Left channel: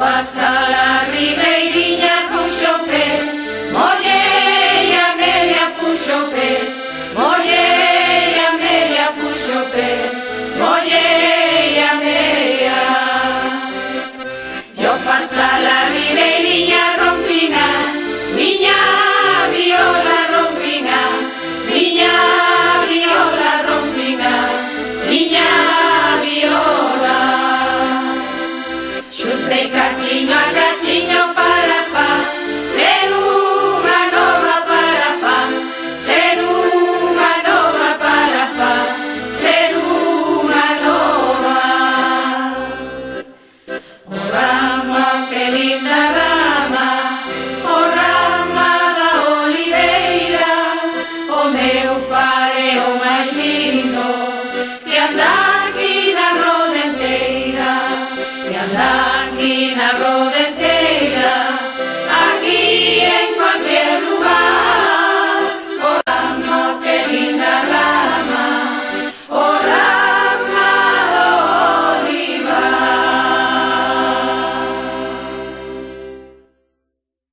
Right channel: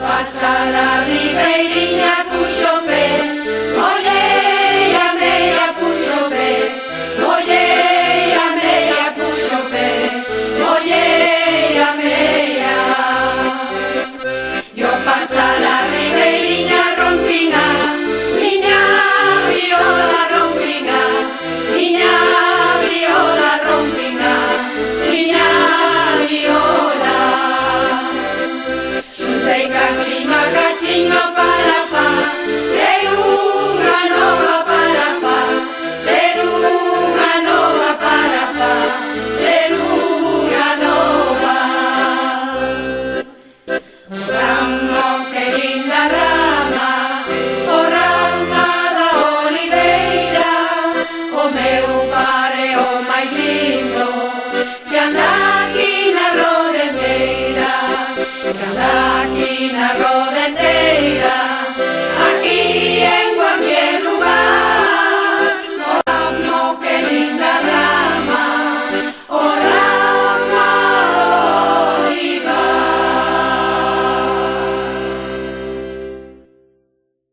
Pasa la ribeiriña puxo pé, oye, a media puxo pé, oye, a media puxo pé, oye, a media. Yo pasa la ribeiriña rompina, miña viola rompina, miña viola rompina, miña viola. Xuntei cachiño para fa, ser unha nova para fa, ser unha nova para fa, ser unha nova. O rama, que linda rama, o rama da oliveira, o meu pare o máis lindo, que anda aquí na rodenteira, que anda aquí na rodenteira.